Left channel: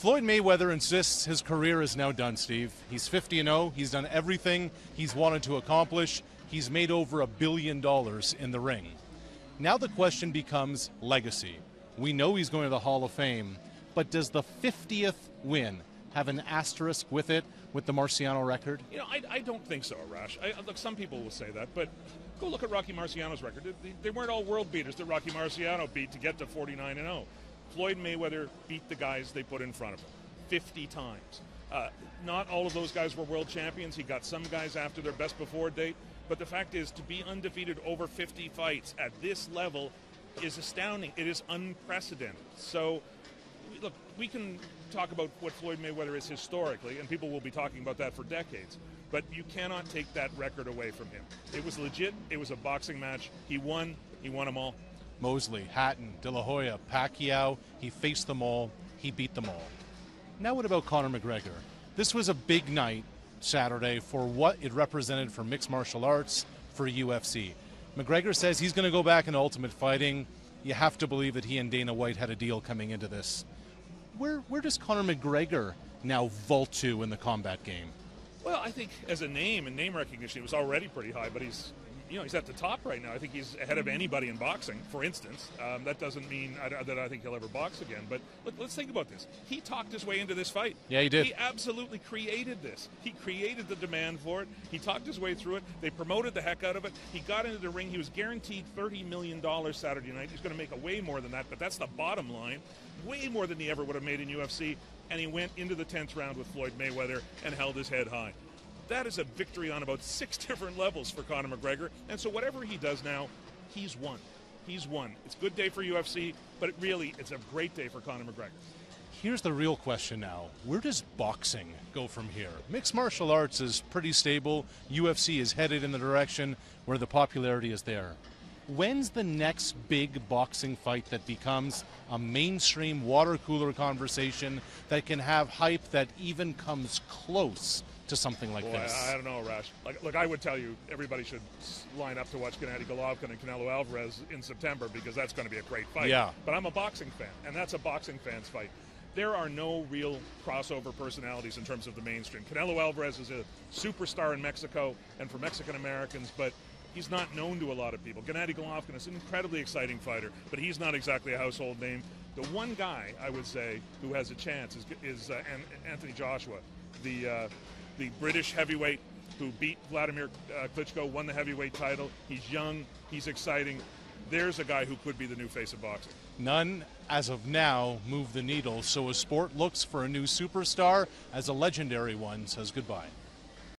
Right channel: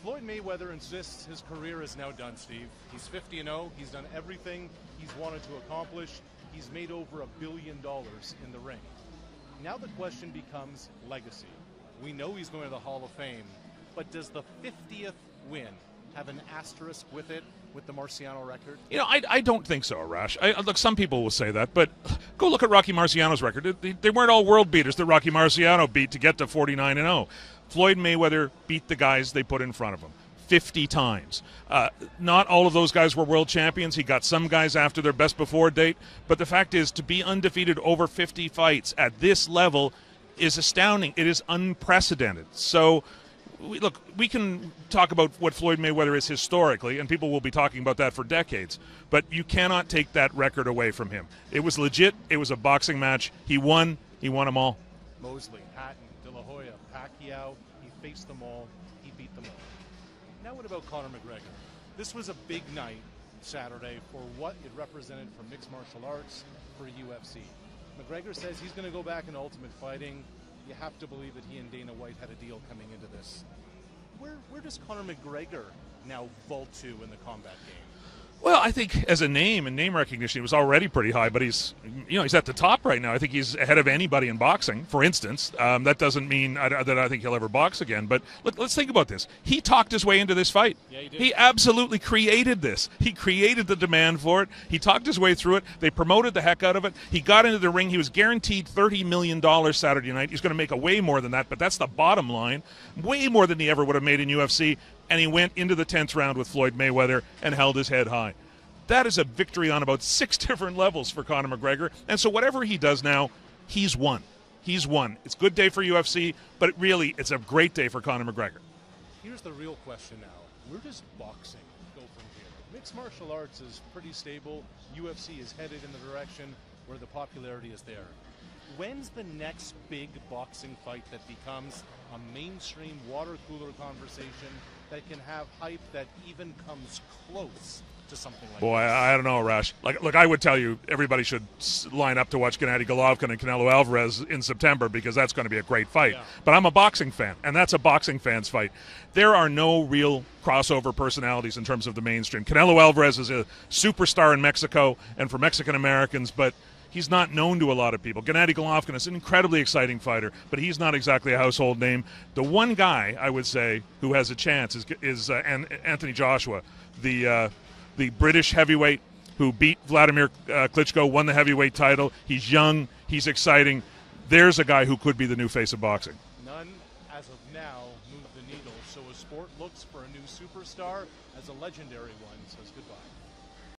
Floyd Mayweather insists his career is now done, Steve. He's 50-0. He's done everything he's wanted to accomplish. He's made over $1 billion in the ring. Now the question becomes legacy. We know he's going to the Hall of Fame, but does the 50th win have an asterisk with it, with the Marciano record? You know, I don't think so, Arash. Look, some people will say that, but go look at Rocky Marciano's record. They weren't all world beaters that Rocky Marciano beat to get to 49-0. Floyd Mayweather beat the guys they put in front of him 50 times. Not all of those guys were world champions. He got some guys after their best before date. But the fact is, to be undefeated over 50 fights at this level is astounding. It is unprecedented. So, we can talk about what Floyd Mayweather is historically, and people will be talking about that for decades. But you cannot take that record away from him. It was legit. It was a boxing match. He won. He won them all. Mosley, Hatton, De La Hoya, Pacquiao, he faced them all, he beat them all. Now what about Conor McGregor? This was a big night Saturday for what it represented for mixed martial arts, for UFC. McGregor says he's going to go back in Ultimate Fighting. You have to believe that he and Dana White had a deal coming into this. Where does Conor McGregor now vault to in the combat game? Well, I think as a name and name recognition, he was already pretty high, but he's at the top right now. I think he's ahead of anybody in boxing, for instance. That doesn't mean that I think he'll ever box again. But let's think about this. He talked his way into this fight. Yeah, he did. He absolutely created this. He created the demand for it. He talked his way through it. They promoted the heck out of it. He got into the ring. He was guaranteed $30 million Saturday night. He's going to make a way more than that, but that's the bottom line. Way more than he ever would have made in UFC. And he went into the 10th round with Floyd Mayweather and held his head high. That is a victory on about 6 different levels for Conor McGregor. And so whatever he does now, he's won. He's won. It's a good day for UFC, but it's a great day for Conor McGregor. Here's the real question now. Where does boxing go from here? Mixed martial arts is pretty stable. UFC is headed in the direction where the popularity is there. When's the next big boxing fight that becomes a mainstream water cooler conversation that can have hype that even comes close to something like this? Boy, I don't know, Rash. Look, I would tell you everybody should line up to watch Gennady Golovkin and Canelo Alvarez in September because that's going to be a great fight. Yeah. But I'm a boxing fan, and that's a boxing fan's fight. There are no real crossover personalities in terms of the mainstream. Canelo Alvarez is a superstar in Mexico and for Mexican Americans, but he's not known to a lot of people. Gennady Golovkin is an incredibly exciting fighter, but he's not exactly a household name. The one guy, I would say, who has a chance is Anthony Joshua, the British heavyweight who beat Vladimir Klitschko, won the heavyweight title. He's young. He's exciting. There's a guy who could be the new face of boxing. None, as of now, move the needle. So a sport looks for a new superstar as a legendary one says goodbye.